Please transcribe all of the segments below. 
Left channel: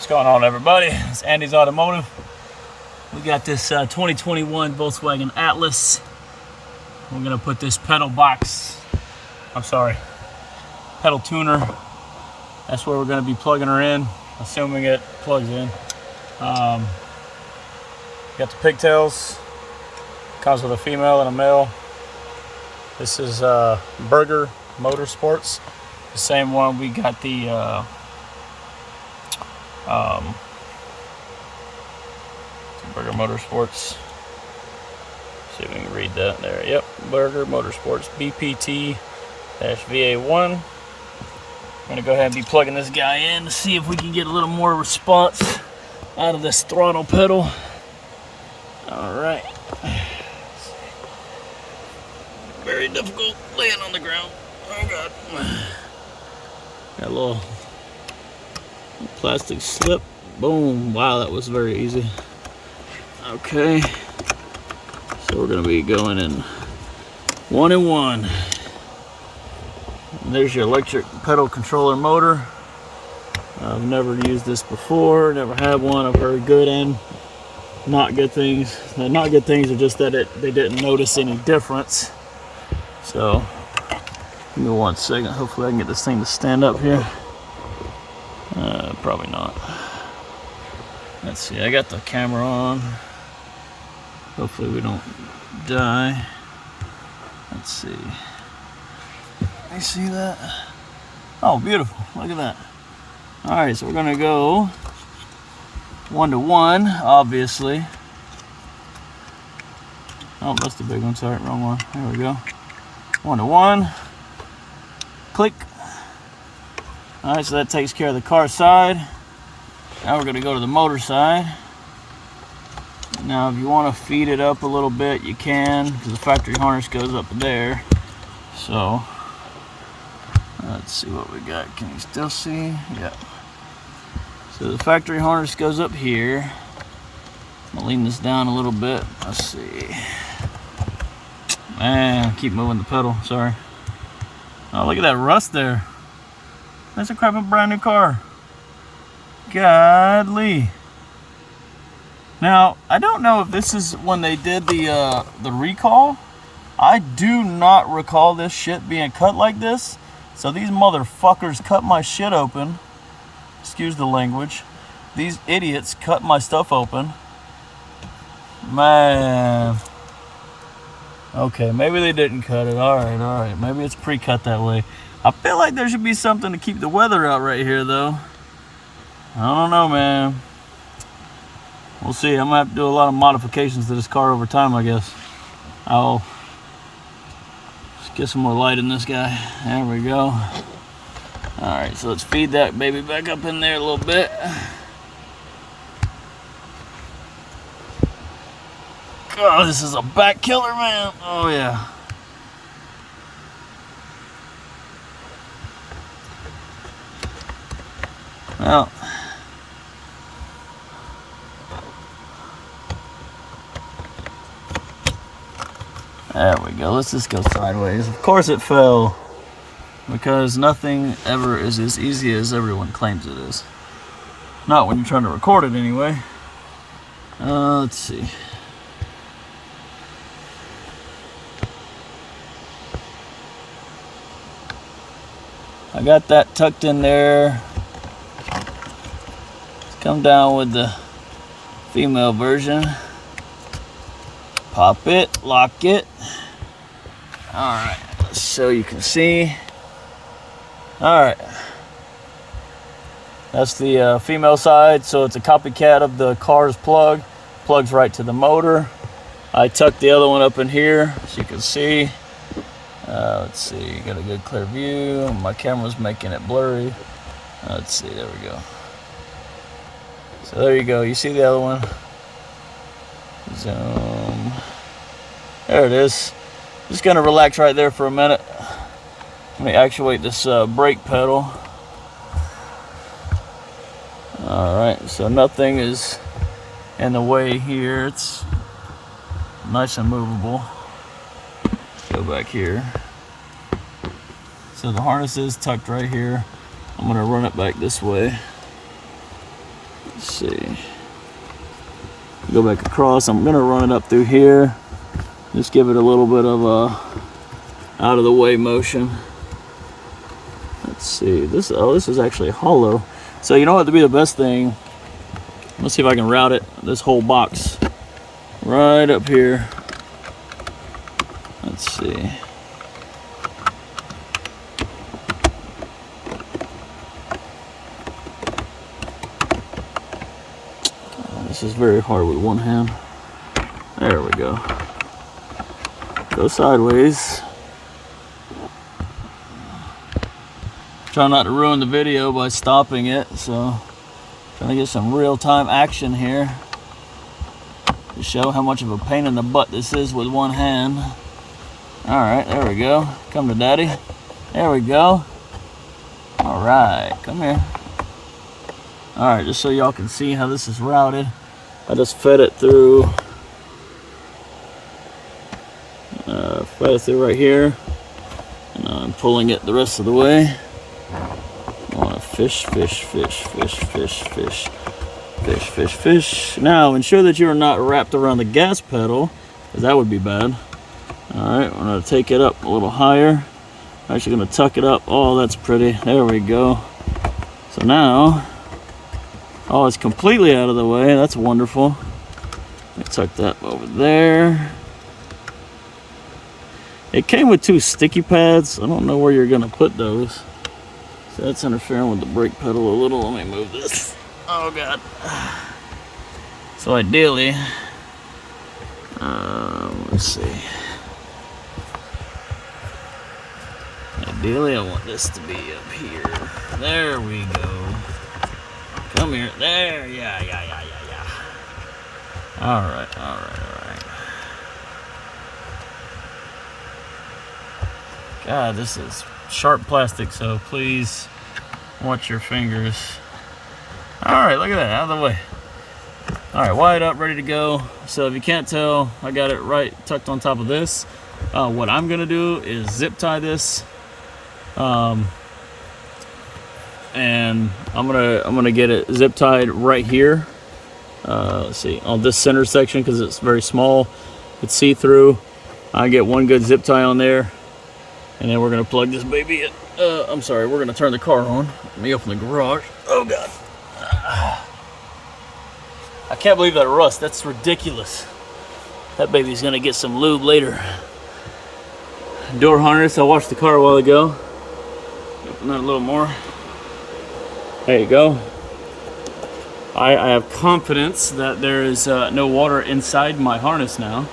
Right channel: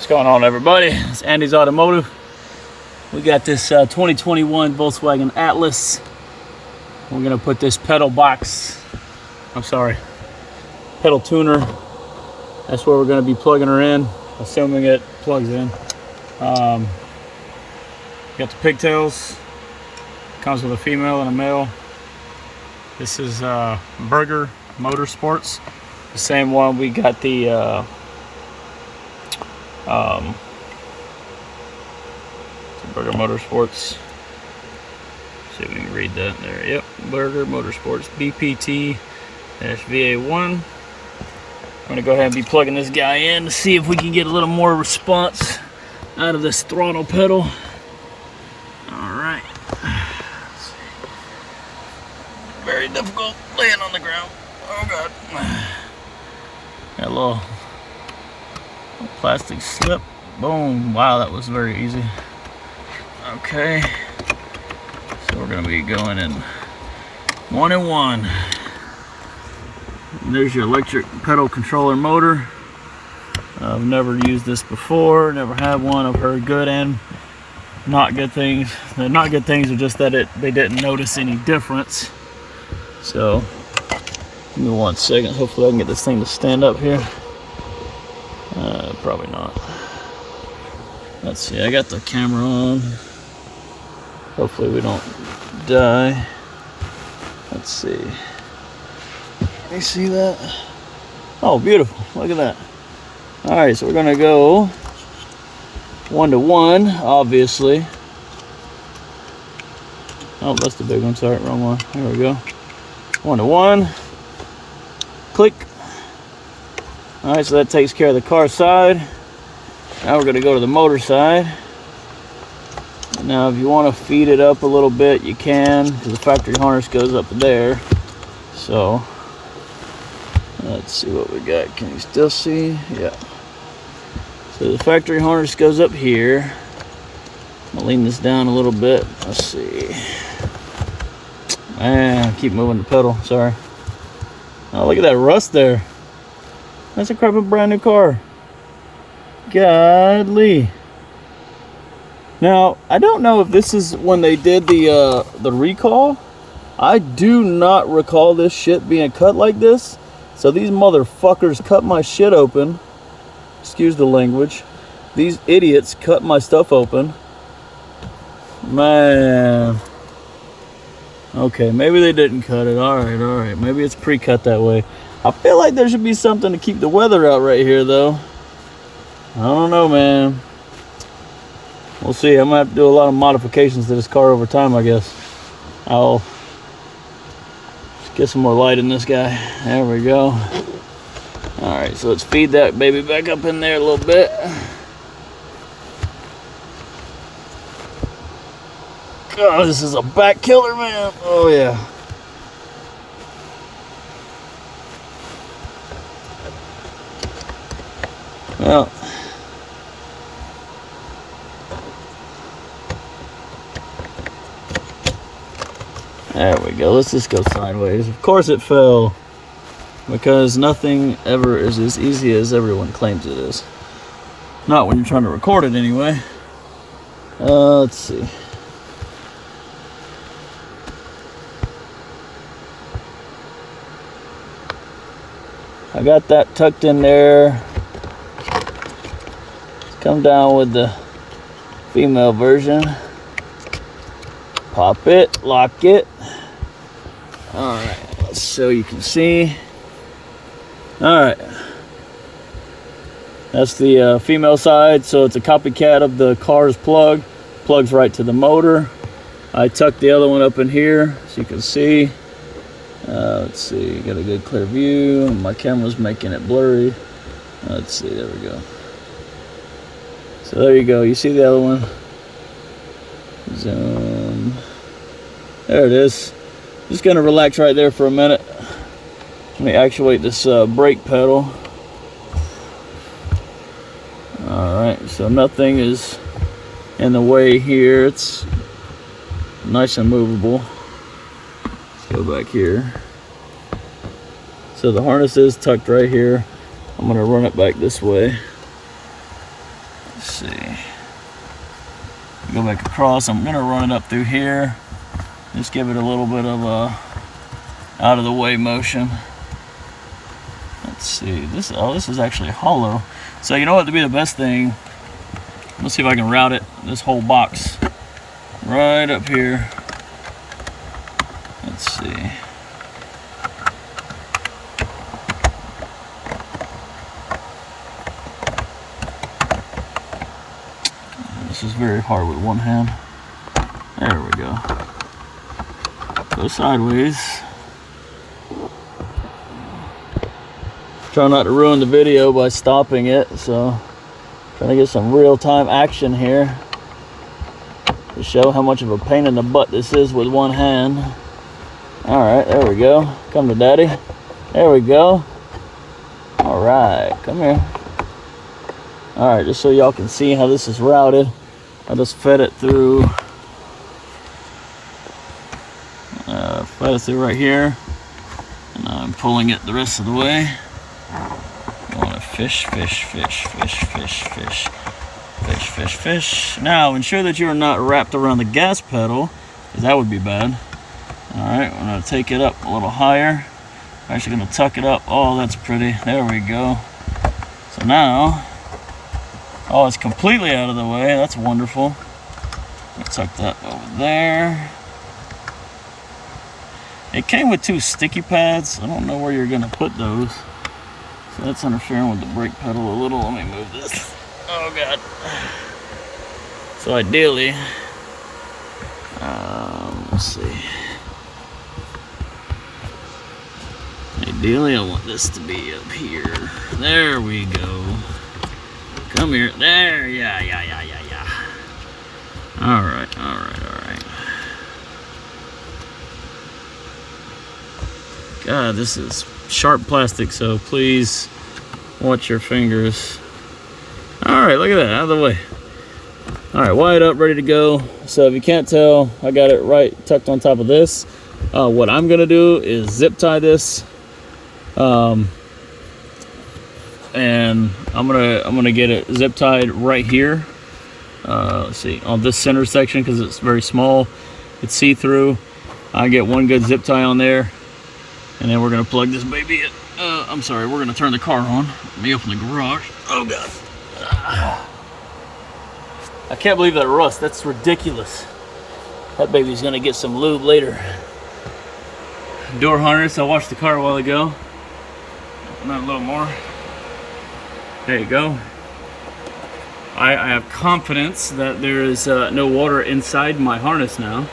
What's going on, everybody? It's Andy's Automotive. We got this 2021 Volkswagen Atlas. We're gonna put this pedal tuner. That's where we're gonna be plugging her in, assuming it plugs in. Got the pigtails. Comes with a female and a male. This is Burger Motorsports, the same one we got the Burger Motorsports. See if we can read that there. Yep, Burger Motorsports BPT-VA1. I'm gonna go ahead and be plugging this guy in to see if we can get a little more response out of this throttle pedal. All right. Very difficult laying on the ground. Oh God. Got a little plastic slip. Boom. Wow, that was very easy. Okay. So we're gonna be going in 1 and 1. And there's your electric pedal controller motor. I've never used this before, never had one. I've heard good and not good things. The not good things are just that they didn't notice any difference. So, give me 1 second. Hopefully I can get this thing to stand up here. Probably not. Let's see, I got the camera on. Hopefully we don't die. Let's see. Can you see that? Oh, beautiful. Look at that. Alright, so we're gonna go 1 to 1, obviously. Oh, that's the big one. Sorry, wrong one. Here we go. 1 to 1. Click. Alright, so that takes care of the car side. Now we're gonna go to the motor side. Now, if you want to feed it up a little bit, you can, because the factory harness goes up there. So, let's see what we got. Can you still see? Yeah. So the factory harness goes up here. I'll lean this down a little bit. Let's see. Man, keep moving the pedal. Sorry. Oh, look at that rust there. That's a crap brand new car. Godly. Now, I don't know if this is when they did the recall. I do not recall this shit being cut like this. So these motherfuckers cut my shit open. Excuse the language. These idiots cut my stuff open. Man. Okay, maybe they didn't cut it. Alright. Maybe it's pre-cut that way. I feel like there should be something to keep the weather out right here, though. I don't know, man. We'll see. I'm gonna have to do a lot of modifications to this car over time, I guess. I'll get some more light in this guy. There we go. Alright, so let's feed that baby back up in there a little bit. God, this is a back killer, man. Oh, yeah. Well. There we go. Let's just go sideways. Of course it fell. Because nothing ever is as easy as everyone claims it is. Not when you're trying to record it anyway. Let's see. I got that tucked in there. Let's come down with the female version. Pop it, lock it. Alright, so you can see. Alright. That's the female side, so it's a copycat of the car's plug. Plugs right to the motor. I tucked the other one up in here, so you can see. Let's see, got a good clear view. My camera's making it blurry. Let's see, there we go. So there you go, you see the other one. Zoom. There it is. Just gonna relax right there for a minute. Let me actuate this brake pedal. Alright, so nothing is in the way here. It's nice and movable. Go back here. So the harness is tucked right here. I'm gonna run it back this way. Let's see. Go back across. I'm gonna run it up through here. Just give it a little bit of a out of the way motion. Let's see. This is actually hollow. So you know what would be the best thing? Let's see if I can route it. This whole box right up here. Let's see. This is very hard with one hand. There we go. Go sideways. Try not to ruin the video by stopping it, so trying to get some real-time action here to show how much of a pain in the butt this is with one hand. All right, there we go. Come to daddy. There we go. All right, come here. All right, just so y'all can see how this is routed, I just fed it through right here, and I'm pulling it the rest of the way. I want to fish. Now ensure that you're not wrapped around the gas pedal, because that would be bad. All right, we're going to take it up a little higher. I'm actually going to tuck it up. Oh, that's pretty. There we go. So now, oh, it's completely out of the way. That's wonderful. Tuck that over there. It came with 2 sticky pads. I don't know where you're going to put those. So that's interfering with the brake pedal a little. Let me move this. Oh, God. So ideally, let's see. Ideally, I want this to be up here. There we go. Come here. There. Yeah. All right. God, this is sharp plastic, so please watch your fingers. All right, look at that, out of the way. All right, wired up, ready to go. So if you can't tell, I got it right tucked on top of this. What I'm gonna do is zip tie this, and I'm gonna get it zip tied right here. Let's see, on this center section, because it's very small, it's see-through. I get one good zip tie on there, and then we're gonna plug this baby in. I'm sorry, we're gonna turn the car on. Let me open the garage. Oh God. I can't believe that rust. That's ridiculous. That baby's gonna get some lube later. Door harness, I washed the car a while ago. Open that a little more. There you go. I have confidence that there is no water inside my harness now.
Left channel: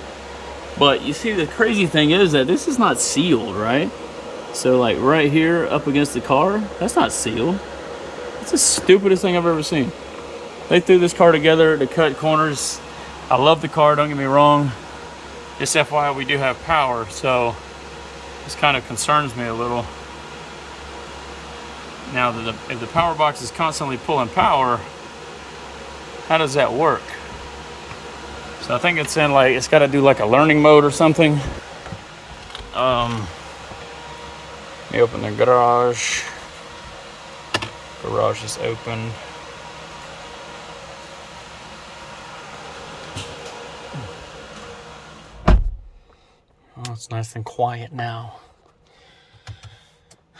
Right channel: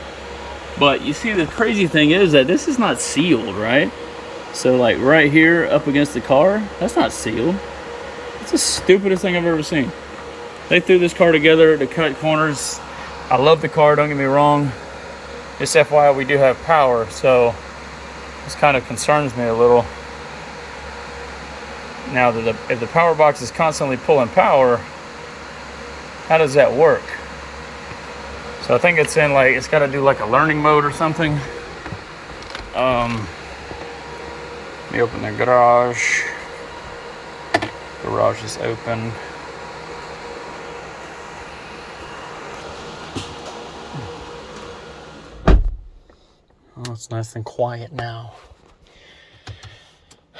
But you see, the crazy thing is that this is not sealed, right? So like right here up against the car, that's not sealed. It's the stupidest thing I've ever seen. They threw this car together to cut corners. I love the car, don't get me wrong. Just FYI, we do have power, so this kind of concerns me a little. Now, if the power box is constantly pulling power, how does that work? So I think it's in like, it's got to do like a learning mode or something. Let me open the garage. Garage is open. Oh, it's nice and quiet now.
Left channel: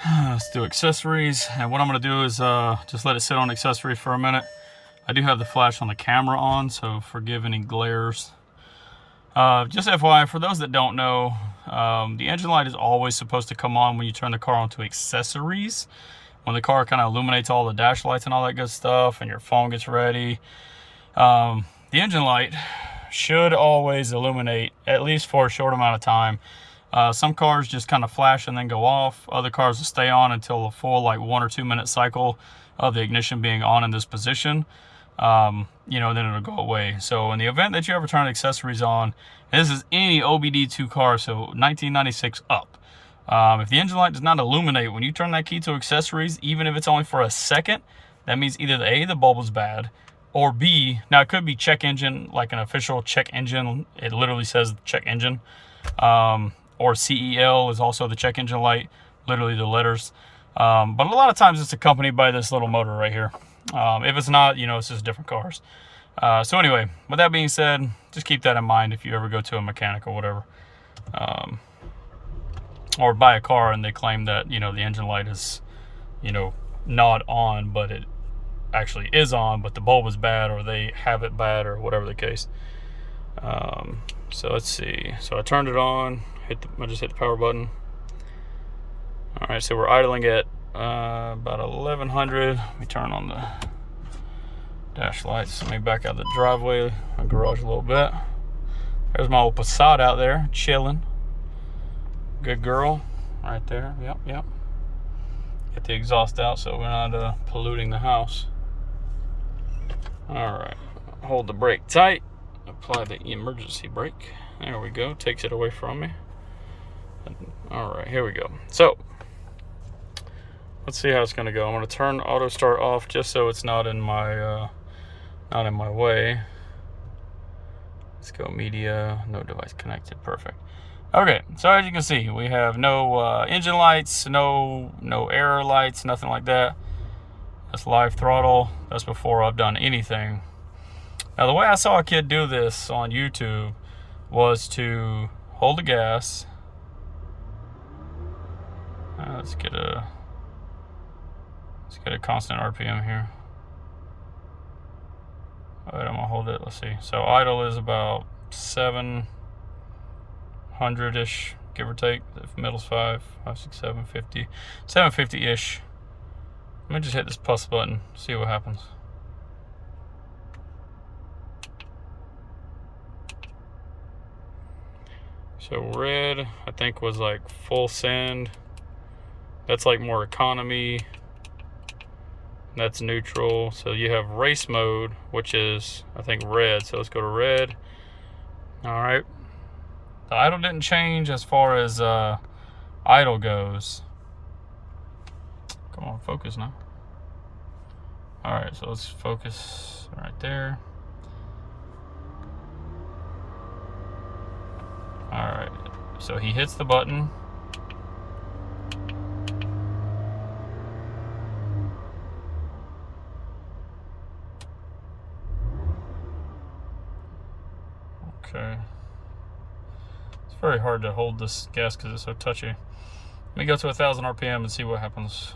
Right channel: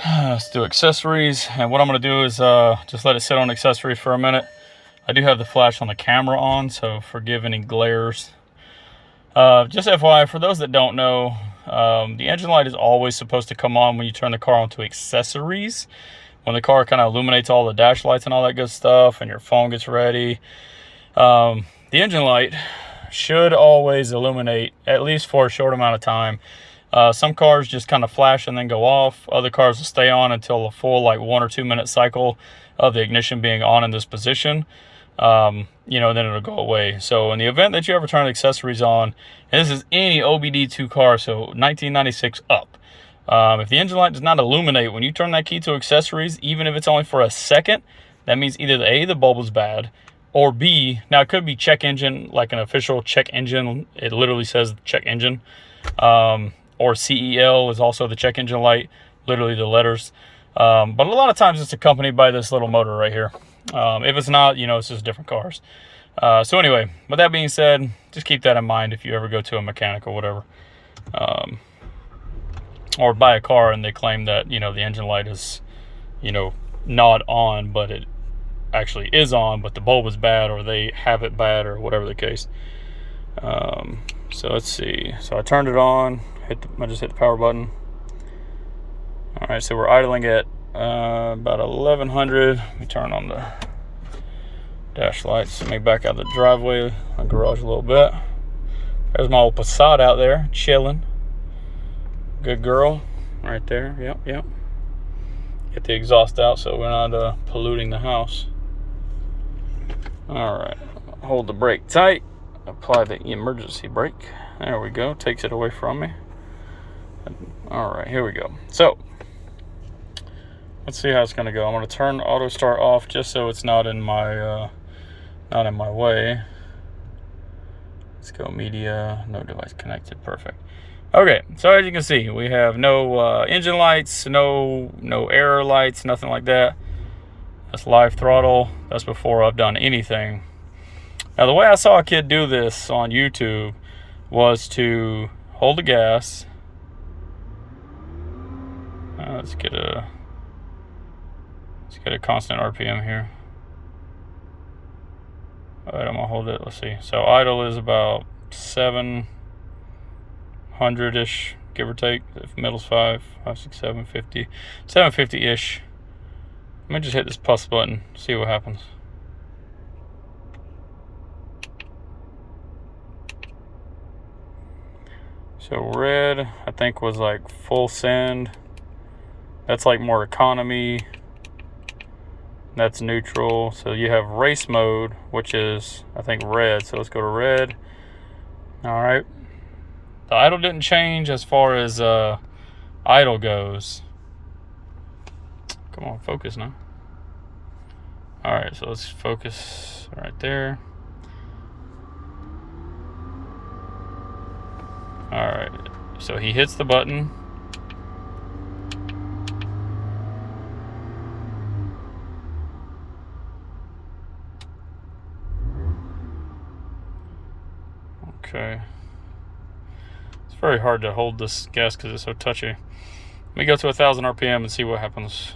Let's do accessories. And what I'm going to do is just let it sit on accessories for a minute. I do have the flash on the camera on, so forgive any glares. Just FYI, for those that don't know, the engine light is always supposed to come on when you turn the car onto accessories. When the car kind of illuminates all the dash lights and all that good stuff, and your phone gets ready. The engine light should always illuminate, at least for a short amount of time. Some cars just kind of flash and then go off. Other cars will stay on until a full like 1 or 2 minute cycle of the ignition being on in this position. You know, then it'll go away. So in the event that you ever turn accessories on, and this is any OBD2 car, so 1996 up, if the engine light does not illuminate when you turn that key to accessories, even if it's only for a second, that means either the bulb is bad, or B, now it could be check engine, like an official check engine. It literally says check engine. Or CEL is also the check engine light, literally the letters. But a lot of times it's accompanied by this little motor right here. If it's not, you know, it's just different cars. So anyway, with that being said, just keep that in mind if you ever go to a mechanic or whatever. Or buy a car and they claim that, you know, the engine light is, you know, not on, but it actually is on, but the bulb is bad, or they have it bad, or whatever the case. So let's see. So I turned it on, I just hit the power button. All right, so we're idling at about 1100. Let me turn on the dash lights. Let me back out the driveway, my garage a little bit. There's my old Passat out there, chilling. Good girl, right there. Yep. Get the exhaust out so we're not polluting the house. All right, hold the brake tight. Apply the emergency brake. There we go. Takes it away from me. All right, here we go. So let's see how it's gonna go. I'm gonna turn auto start off just so it's not in my way. Let's go media, no device connected. Perfect. Okay, so as you can see, we have no engine lights, no error lights, nothing like that. That's live throttle. That's before I've done anything. Now, the way I saw a kid do this on YouTube was to hold the gas. Let's get a constant RPM here. All right, I'm gonna hold it. Let's see. So idle is about 700-ish, give or take. If middle's 5, 6, 750, 750-ish. Let me just hit this plus button, see what happens. So red, I think, was like full send. That's like more economy. That's neutral. So you have race mode, which is, I think, red. So let's go to red. All right. The idle didn't change as far as idle goes. Come on, focus now. All right, so let's focus right there. All right, so he hits the button. Okay. It's very hard to hold this gas because it's so touchy. Let me go to 1,000 RPM and see what happens.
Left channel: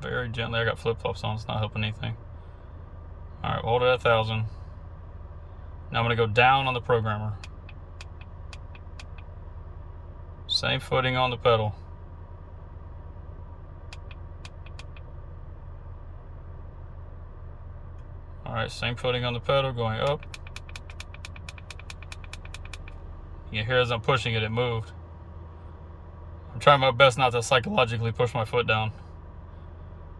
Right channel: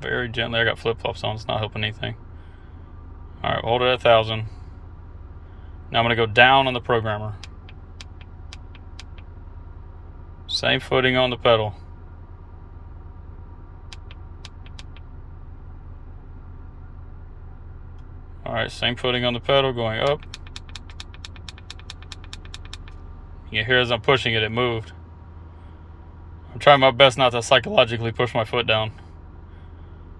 Very gently. I got flip-flops on. It's not helping anything. All right, hold it at 1,000. Now I'm going to go down on the programmer. Same footing on the pedal. All right, same footing on the pedal, going up. You can hear as I'm pushing it, it moved. I'm trying my best not to psychologically push my foot down.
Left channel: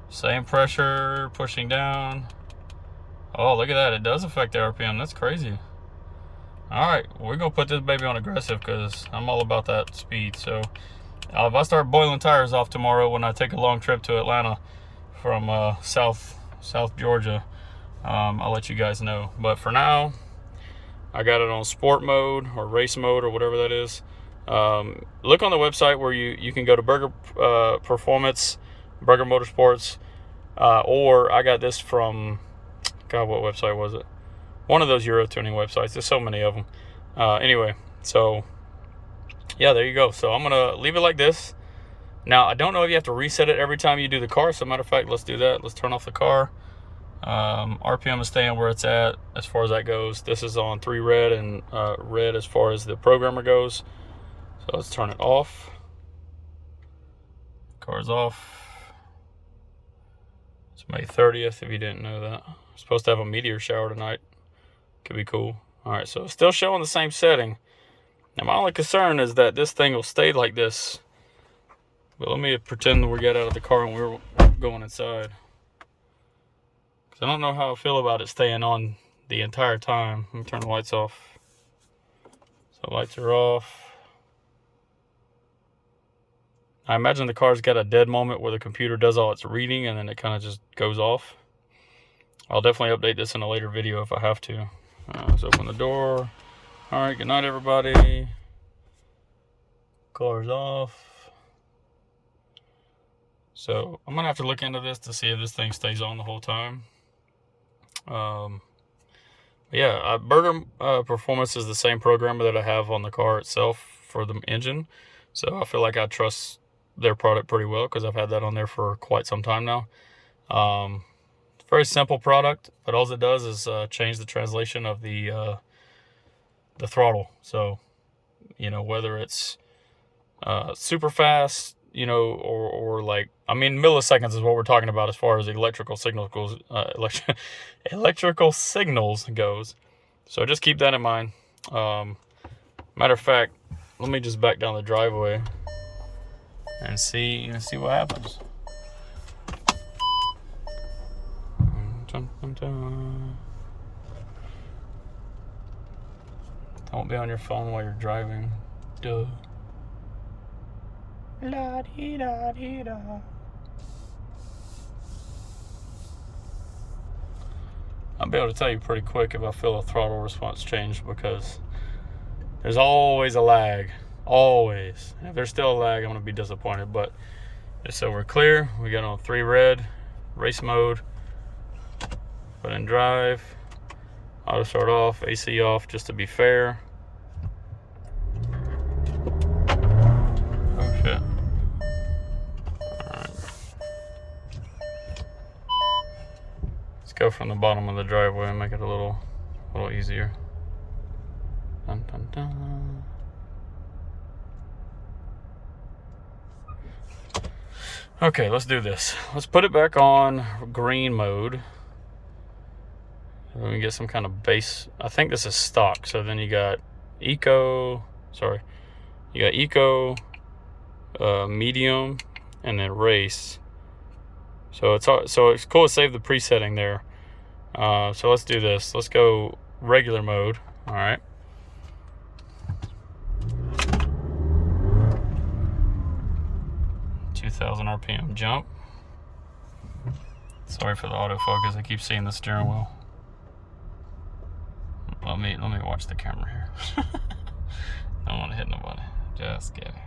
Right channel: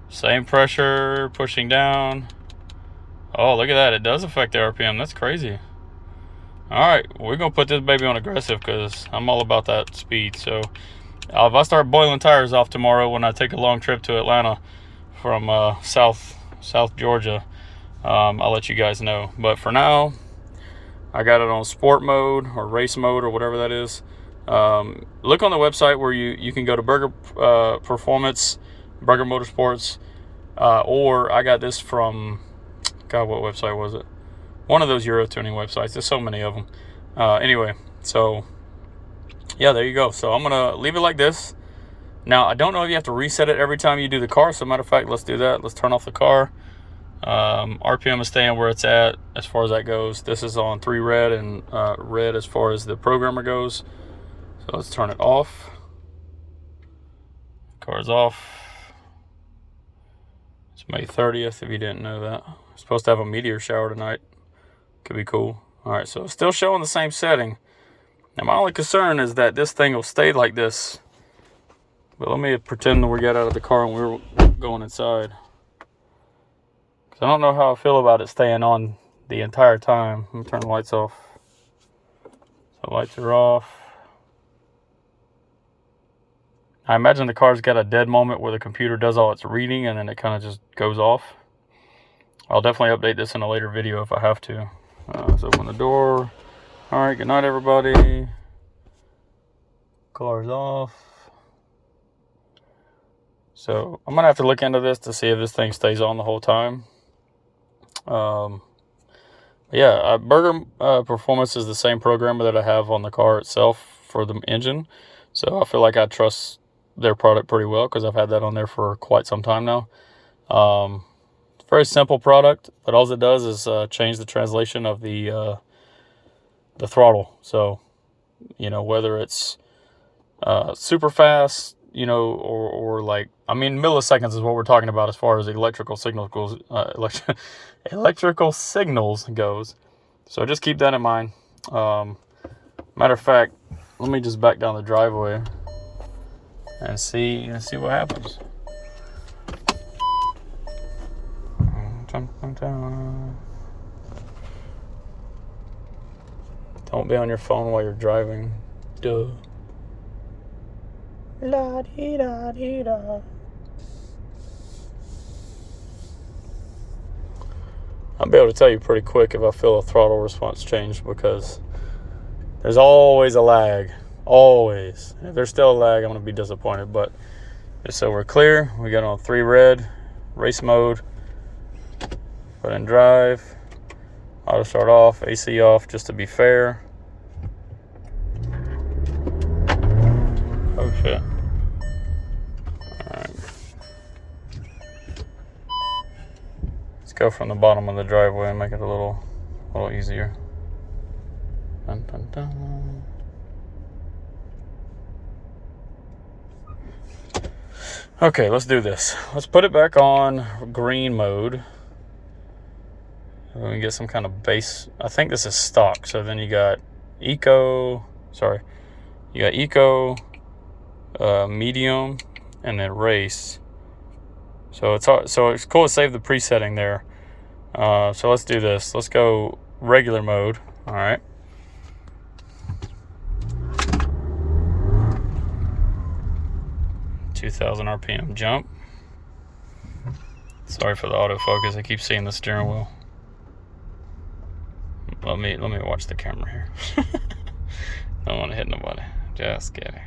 Same pressure, pushing down. Oh, look at that. It does affect the RPM. That's crazy. All right, we're going to put this baby on aggressive because I'm all about that speed. So if I start boiling tires off tomorrow when I take a long trip to Atlanta from South Georgia, I'll let you guys know. But for now, I got it on sport mode or race mode or whatever that is. Look on the website where you can go to Burger Performance, Burger Motorsports, or I got this from, God, what website was it? One of those Euro tuning websites. There's so many of them. Anyway, so yeah, there you go. So I'm gonna leave it like this. Now I don't know if you have to reset it every time you do the car. So matter of fact, let's do that. Let's turn off the car. RPM is staying where it's at as far as that goes. This is on 3 red and red as far as the programmer goes. So let's turn it off. Car's off. It's May 30th if you didn't know that. Supposed to have a meteor shower tonight. Could be cool. All right, so still showing the same setting. Now my only concern is that this thing will stay like this. But let me pretend that we got out of the car and we're going inside. I don't know how I feel about it staying on the entire time. Let me turn the lights off. So lights are off. I imagine the car's got a dead moment where the computer does all its reading and then it kind of just goes off. I'll definitely update this in a later video if I have to. Let's open the door. All right, good night, everybody. Car's off. So I'm gonna have to look into this to see if this thing stays on the whole time. Yeah, Burger Performance is the same programmer that I have on the car itself for the engine. So I feel like I trust their product pretty well because I've had that on there for quite some time now. It's a very simple product, but all it does is change the translation of the throttle. So, you know, whether it's super fast, you know, or like, I mean, milliseconds is what we're talking about as far as electrical signals goes. Electrical signals goes. So just keep that in mind. Matter of fact, let me just back down the driveway and see what happens. Don't be on your phone while you're driving. Duh. La dee da dee da. I'll be able to tell you pretty quick if I feel a throttle response change, because there's always a lag. Always. If there's still a lag, I'm going to be disappointed. But just so we're clear, we got on 3 red, race mode, put in drive, auto start off, AC off, just to be fair. Oh shit. Alright. Let's go from the bottom of the driveway and make it a little easier. Dun, dun, dun. Okay, let's do this. Let's put it back on green mode. Let me get some kind of base. I think this is stock. So then you got eco, medium, and then race. So it's cool to save the presetting there. So let's do this. Let's go regular mode. All right. $2,000 RPM jump. Sorry for the autofocus. I keep seeing the steering wheel. Let me watch the camera here. Don't want to hit nobody. Just kidding.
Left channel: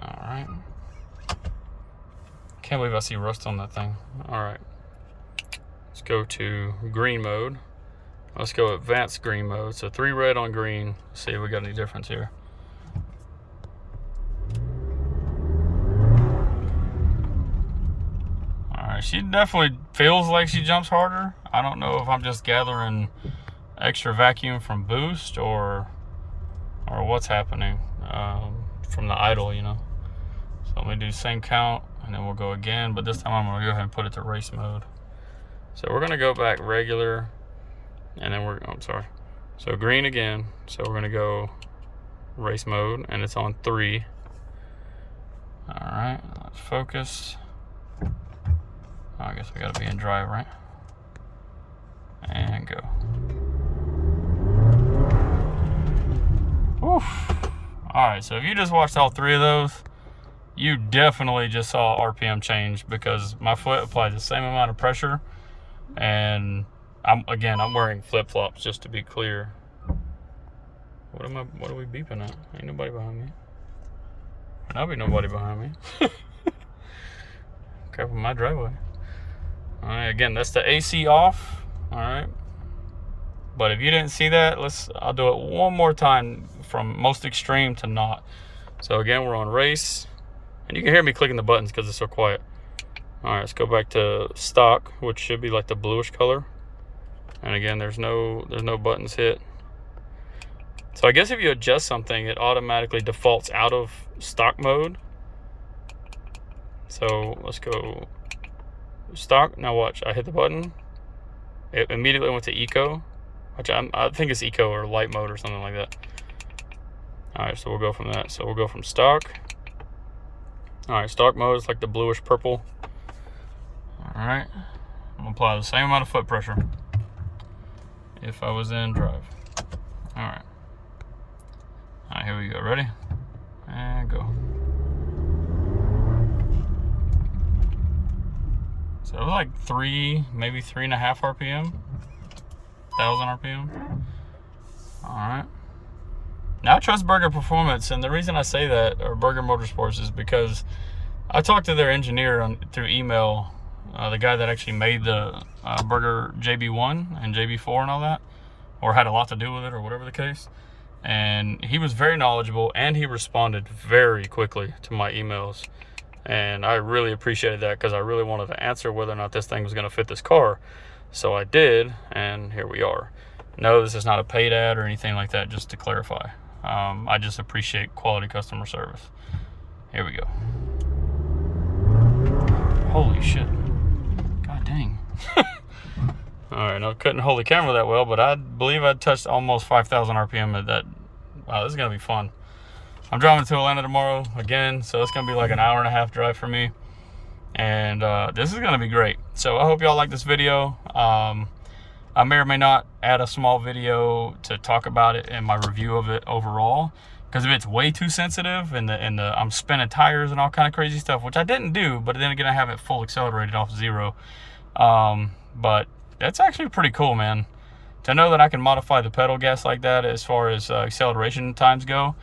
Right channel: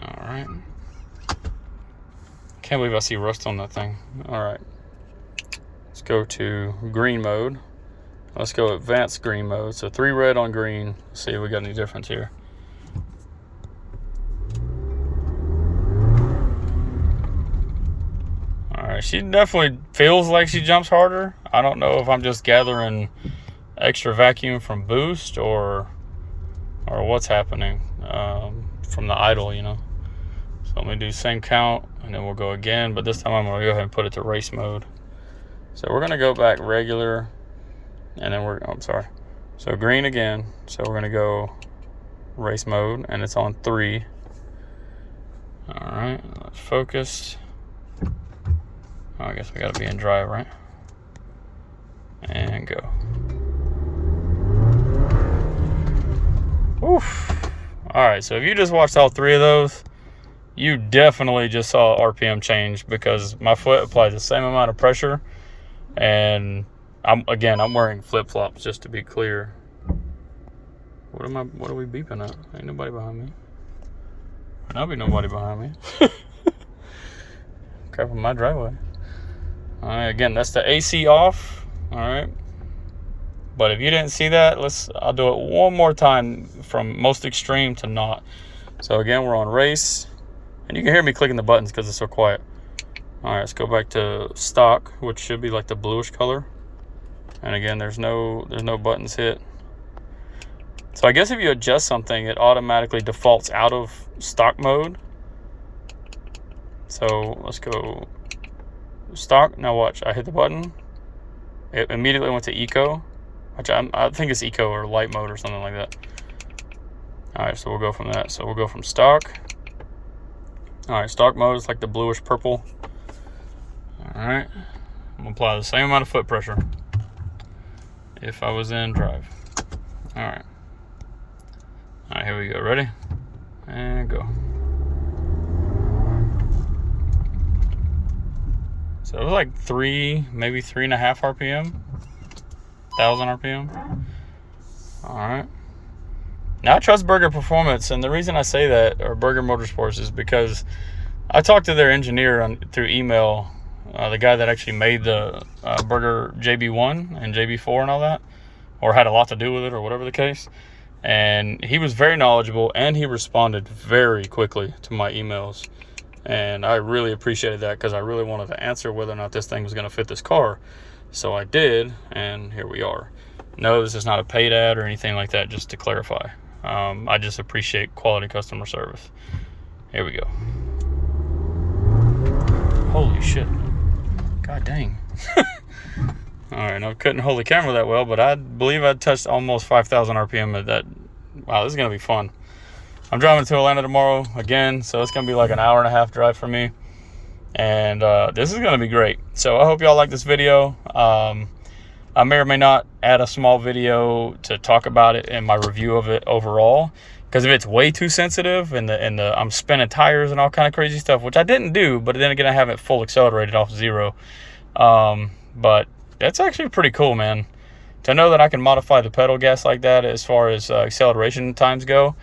All right. Can't believe I see rust on that thing. All right. Let's go to green mode. Let's go advanced green mode. So 3 red on green. Let's see if we got any difference here. She definitely feels like she jumps harder. I don't know if I'm just gathering extra vacuum from boost or what's happening from the idle, you know. So let me do same count and then we'll go again, but this time I'm gonna go ahead and put it to race mode. So we're gonna go back regular and then so green again. So we're gonna go race mode and it's on 3. All right, let's focus. I guess we gotta be in drive, right? And go. Oof. All right, so if you just watched all 3 of those, you definitely just saw RPM change because my foot applied the same amount of pressure, and I'm wearing flip-flops just to be clear. What are we beeping at? Ain't nobody behind me. There'll be nobody behind me. Cover my driveway. All right, again, that's the AC off. All right. But if you didn't see that, I'll do it one more time from most extreme to not. So again, we're on race. And you can hear me clicking the buttons because it's so quiet. All right, let's go back to stock, which should be like the bluish color. And again, there's no buttons hit. So I guess if you adjust something, it automatically defaults out of stock mode. So let's go stock. Now watch, I hit the button. It immediately went to eco, which I think it's eco or light mode or something like that. All right, so we'll go from that. So we'll go from stock. All right, stock mode is like the bluish purple. All right, I'm gonna apply the same amount of foot pressure if I was in drive. All right, here we go. Ready? And go. So it was like 3, maybe 3.5 RPM, 1,000 RPM. All right. Now I trust Burger Performance, and the reason I say that, or Burger Motorsports, is because I talked to their engineer through email, the guy that actually made the Burger JB1 and JB4 and all that, or had a lot to do with it, or whatever the case. And he was very knowledgeable, and he responded very quickly to my emails. And I really appreciated that, because I really wanted to answer whether or not this thing was going to fit this car. So I did, and here we are. No, this is not a paid ad or anything like that, just to clarify. I just appreciate quality customer service. Here we go. Holy shit. God dang. Alright, I couldn't hold the camera that well, but I believe I touched almost 5,000 RPM at that. Wow, this is going to be fun. I'm driving to Atlanta tomorrow again, so it's going to be like an hour and a half drive for me. And this is going to be great. So I hope y'all like this video. I may or may not add a small video to talk about it in my review of it overall. Because if it's way too sensitive and I'm spinning tires and all kind of crazy stuff, which I didn't do, but then again, I have it full accelerated off 0. But that's actually pretty cool, man. To know that I can modify the pedal gas like that as far as acceleration times go.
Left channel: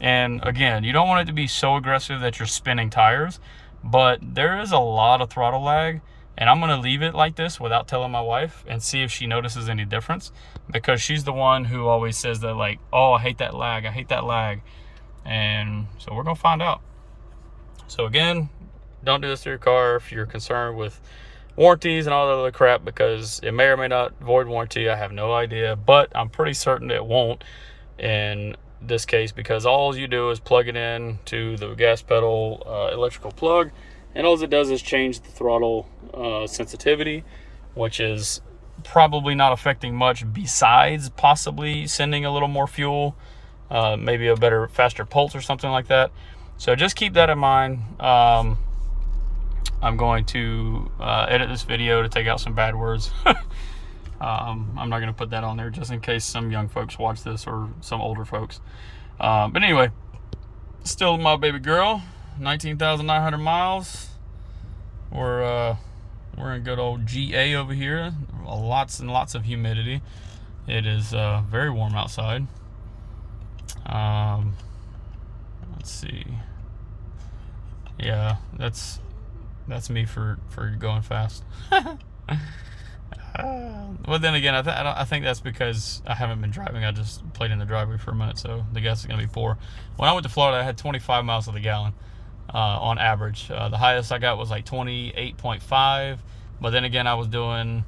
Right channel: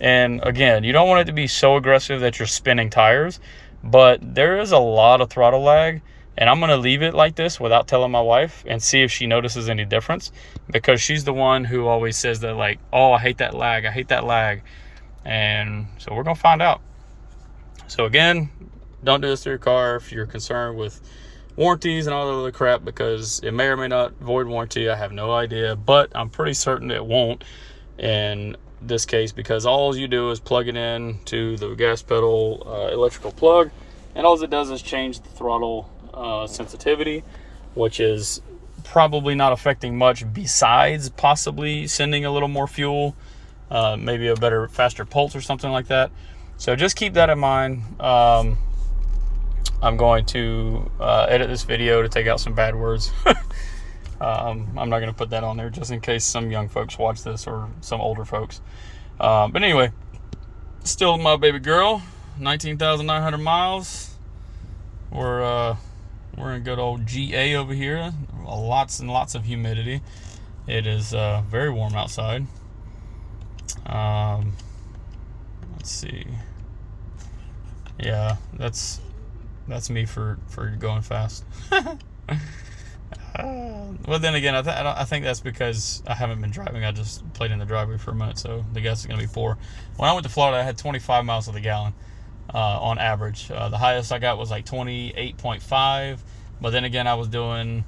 And again, you don't want it to be so aggressive that you're spinning tires, but there is a lot of throttle lag. And I'm going to leave it like this without telling my wife and see if she notices any difference, because she's the one who always says that, like, oh, I hate that lag. I hate that lag. And so we're going to find out. So again, don't do this to your car if you're concerned with warranties and all that other crap, because it may or may not void warranty. I have no idea, but I'm pretty certain it won't in this case, because all you do is plug it in to the gas pedal electrical plug, and all it does is change the throttle sensitivity, which is probably not affecting much besides possibly sending a little more fuel, maybe a better, faster pulse or something like that. So just keep that in mind. I'm going to edit this video to take out some bad words. I'm not going to put that on there just in case some young folks watch this, or some older folks. But anyway, still my baby girl, 19,900 miles. We're in good old GA over here. Lots and lots of humidity. It is very warm outside. Let's see. Yeah, that's me for going fast. Well, then again, I think that's because I haven't been driving. I just played in the driveway for a minute, so the gas is going to be poor. When I went to Florida, I had 25 miles to the gallon. On average. The highest I got was like 28.5, but then again, I was doing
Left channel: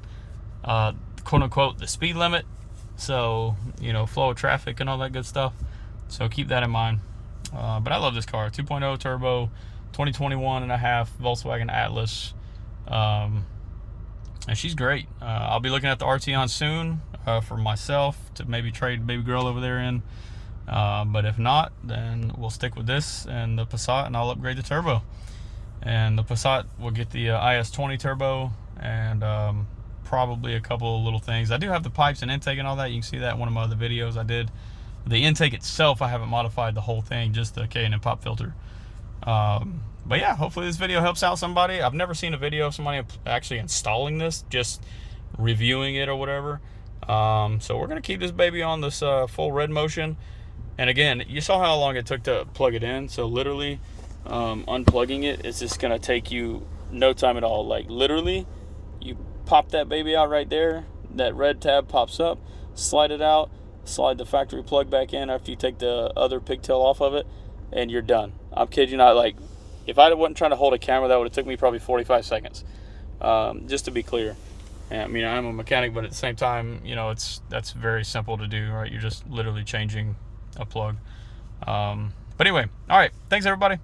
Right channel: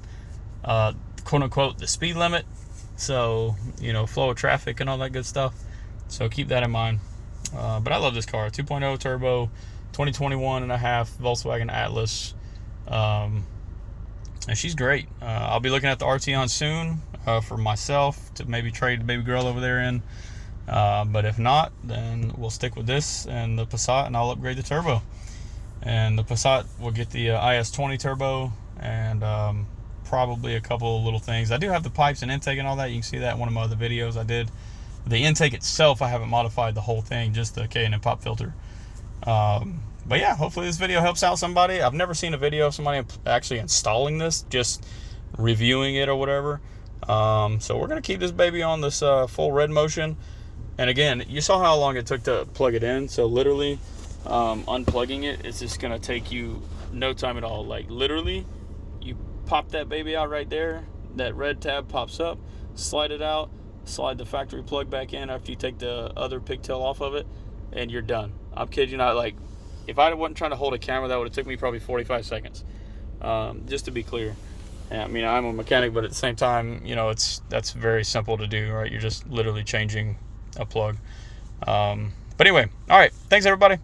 quote unquote the speed limit, so you know, flow of traffic and all that good stuff, so keep that in mind. But I love this car. 2.0 turbo, 2021 and a half Volkswagen Atlas, and she's great. I'll be looking at the Arteon soon for myself to maybe trade the baby girl over there in. But if not, then we'll stick with this and the Passat, and I'll upgrade the turbo. And the Passat will get the IS20 turbo, and probably a couple of little things. I do have the pipes and intake and all that. You can see that in one of my other videos I did. The intake itself, I haven't modified the whole thing, just the K&N pop filter. But yeah, hopefully this video helps out somebody. I've never seen a video of somebody actually installing this, just reviewing it or whatever. So we're going to keep this baby on this full red motion. And again, you saw how long it took to plug it in. So literally, unplugging it is just going to take you no time at all. Like literally, you pop that baby out right there. That red tab pops up. Slide it out. Slide the factory plug back in after you take the other pigtail off of it. And you're done. I'm kidding you not. Like, if I wasn't trying to hold a camera, that would have took me probably 45 seconds. Just to be clear. And, I mean, I'm a mechanic, but at the same time, you know, that's very simple to do, right? You're just literally changing a plug. But anyway, all right, thanks everybody.